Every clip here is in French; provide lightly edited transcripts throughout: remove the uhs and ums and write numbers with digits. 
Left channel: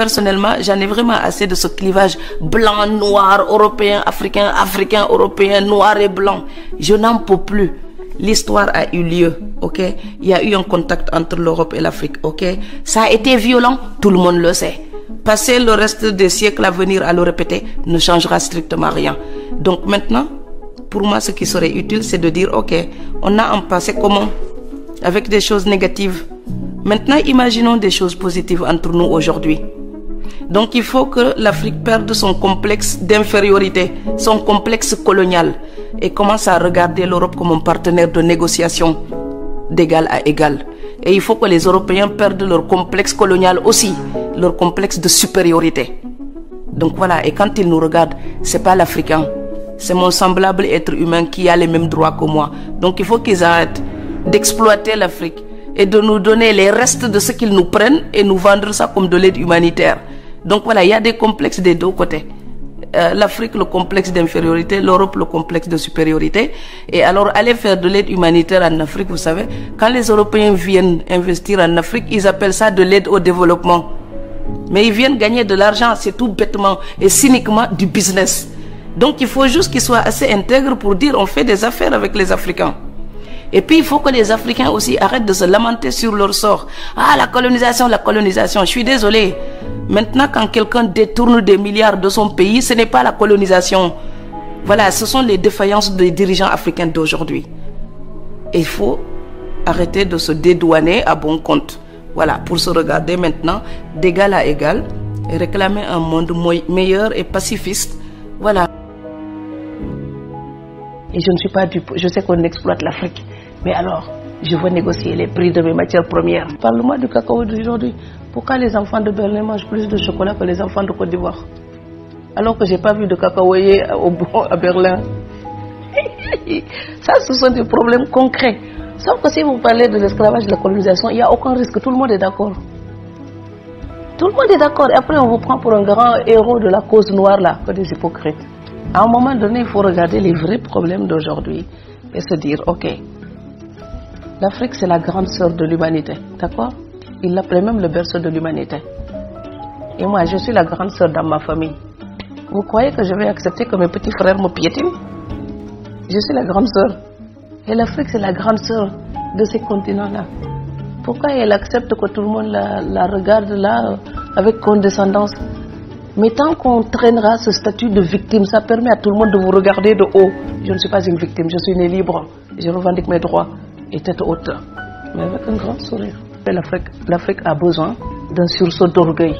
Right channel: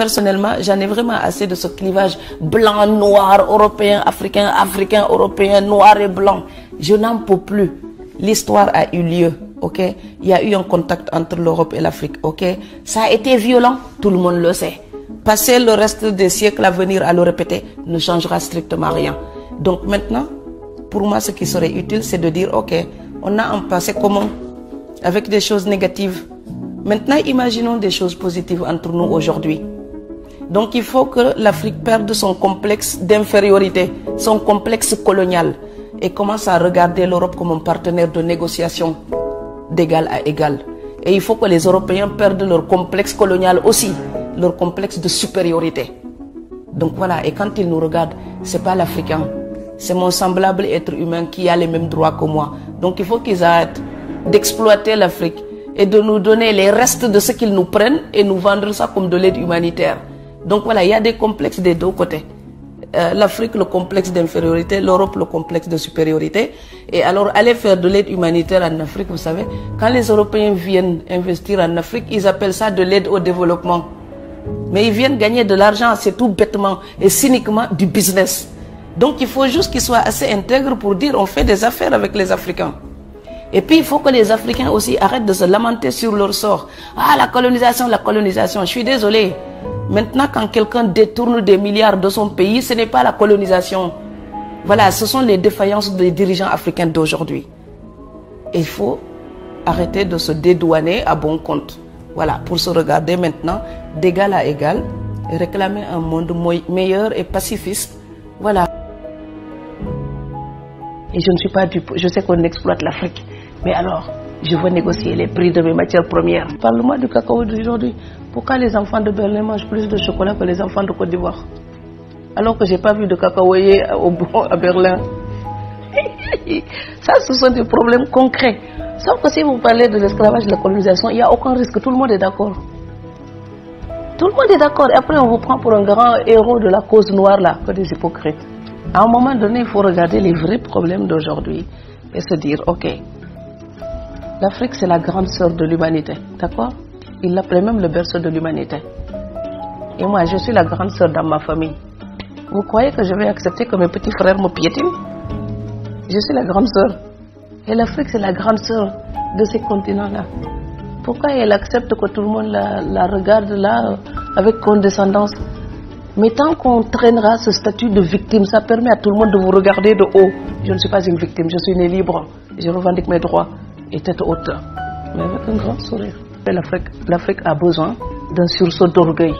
personnellement, j'en ai vraiment assez de ce clivage blanc, noir, européen, africain, africain, européen, noir et blanc. Je n'en peux plus. L'histoire a eu lieu, ok? Il y a eu un contact entre l'Europe et l'Afrique, ok? Ça a été violent, tout le monde le sait. Passer le reste des siècles à venir à le répéter ne changera strictement rien. Donc maintenant, pour moi, ce qui serait utile, c'est de dire, ok, on a un passé commun avec des choses négatives. Maintenant, imaginons des choses positives entre nous aujourd'hui. Donc, il faut que l'Afrique perde son complexe d'infériorité, son complexe colonial, et commence à regarder l'Europe comme un partenaire de négociation d'égal à égal. Et il faut que les Européens perdent leur complexe colonial aussi, leur complexe de supériorité. Donc voilà, et quand ils nous regardent, c'est pas l'Africain, c'est mon semblable être humain qui a les mêmes droits que moi. Donc il faut qu'ils arrêtent d'exploiter l'Afrique et de nous donner les restes de ce qu'ils nous prennent et nous vendre ça comme de l'aide humanitaire. Donc voilà, il y a des complexes des deux côtés. L'Afrique, le complexe d'infériorité, l'Europe, le complexe de supériorité. Et alors, aller faire de l'aide humanitaire en Afrique, vous savez, quand les Européens viennent investir en Afrique, ils appellent ça de l'aide au développement. Mais ils viennent gagner de l'argent, c'est tout bêtement et cyniquement du business. Donc il faut juste qu'ils soient assez intègres pour dire on fait des affaires avec les Africains. Et puis il faut que les Africains aussi arrêtent de se lamenter sur leur sort. Ah, la colonisation, je suis désolé. Maintenant, quand quelqu'un détourne des milliards de son pays, ce n'est pas la colonisation. Voilà, ce sont les défaillances des dirigeants africains d'aujourd'hui. Et il faut arrêter de se dédouaner à bon compte. Voilà, pour se regarder maintenant d'égal à égal et réclamer un monde meilleur et pacifiste. Voilà. Et je ne suis pas dupe, je sais qu'on exploite l'Afrique. Mais alors, je veux négocier les prix de mes matières premières. Parle-moi du cacao d'aujourd'hui. Pourquoi les enfants de Berlin mangent plus de chocolat que les enfants de Côte d'Ivoire? Alors que je n'ai pas vu de cacaoyer à Berlin. Ça, ce sont des problèmes concrets. Sauf que si vous parlez de l'esclavage, de la colonisation, il n'y a aucun risque. Tout le monde est d'accord. Tout le monde est d'accord. Et après, on vous prend pour un grand héros de la cause noire, là, que des hypocrites. À un moment donné, il faut regarder les vrais problèmes d'aujourd'hui et se dire, ok, l'Afrique, c'est la grande sœur de l'humanité. D'accord? Il l'appelait même le berceau de l'humanité. Et moi, je suis la grande sœur dans ma famille. Vous croyez que je vais accepter que mes petits frères me piétinent? Je suis la grande sœur. Et l'Afrique, c'est la grande sœur de ces continents-là. Pourquoi elle accepte que tout le monde la regarde là avec condescendance? Mais tant qu'on traînera ce statut de victime, ça permet à tout le monde de vous regarder de haut. Je ne suis pas une victime, je suis née libre. Je revendique mes droits et tête haute. Mais avec un grand sourire. L'Afrique a besoin d'un sursaut d'orgueil.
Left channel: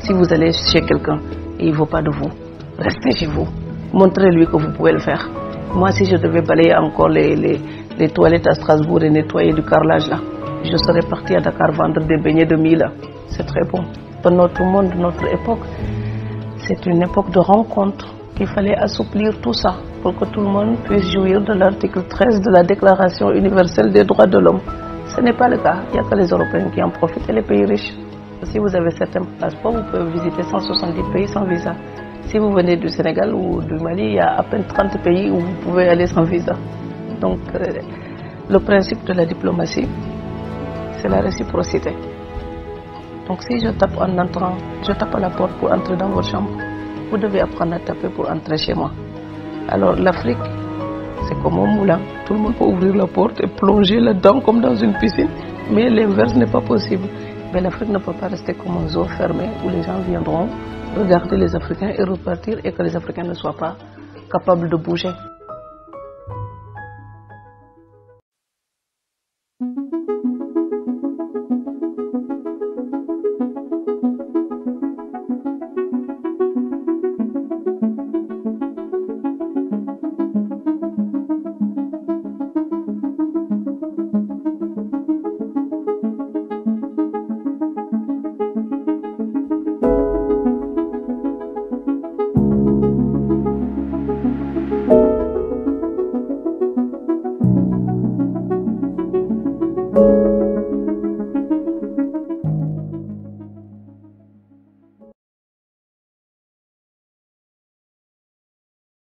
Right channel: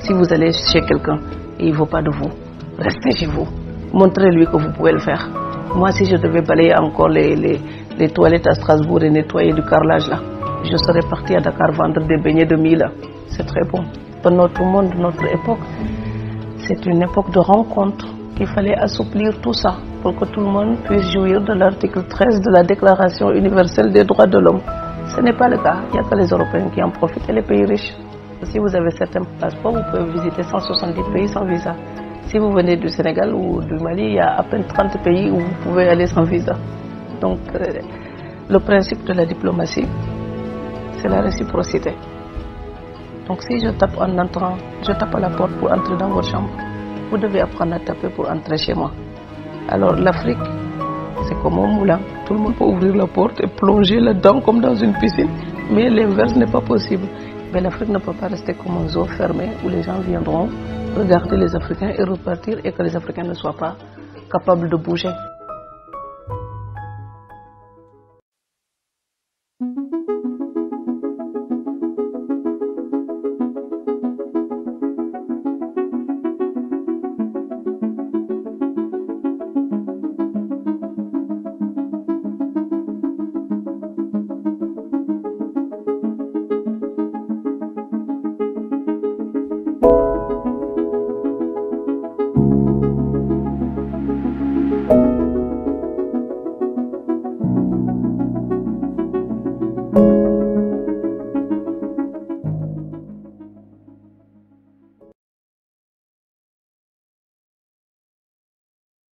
Si vous allez chez quelqu'un et il ne veut pas de vous, restez chez vous. Montrez-lui que vous pouvez le faire. Moi, si je devais balayer encore les toilettes à Strasbourg et nettoyer du carrelage là, je serais parti à Dakar vendre des beignets de mie là. C'est très bon. Pour notre monde, notre époque, c'est une époque de rencontre qu'il fallait assouplir tout ça pour que tout le monde puisse jouir de l'article 13 de la Déclaration universelle des droits de l'homme. Ce n'est pas le cas. Il n'y a que les Européens qui en profitent et les pays riches. Si vous avez certains passeports, vous pouvez visiter 170 pays sans visa. Si vous venez du Sénégal ou du Mali, il y a à peine 30 pays où vous pouvez aller sans visa. Donc, le principe de la diplomatie, c'est la réciprocité. Donc, si je tape en entrant, je tape à la porte pour entrer dans votre chambre, vous devez apprendre à taper pour entrer chez moi. Alors, l'Afrique, c'est comme un moulin. Tout le monde peut ouvrir la porte et plonger là-dedans comme dans une piscine. Mais l'inverse n'est pas possible. Mais l'Afrique ne peut pas rester comme un zoo fermé où les gens viendront regarder les Africains et repartir et que les Africains ne soient pas capables de bouger.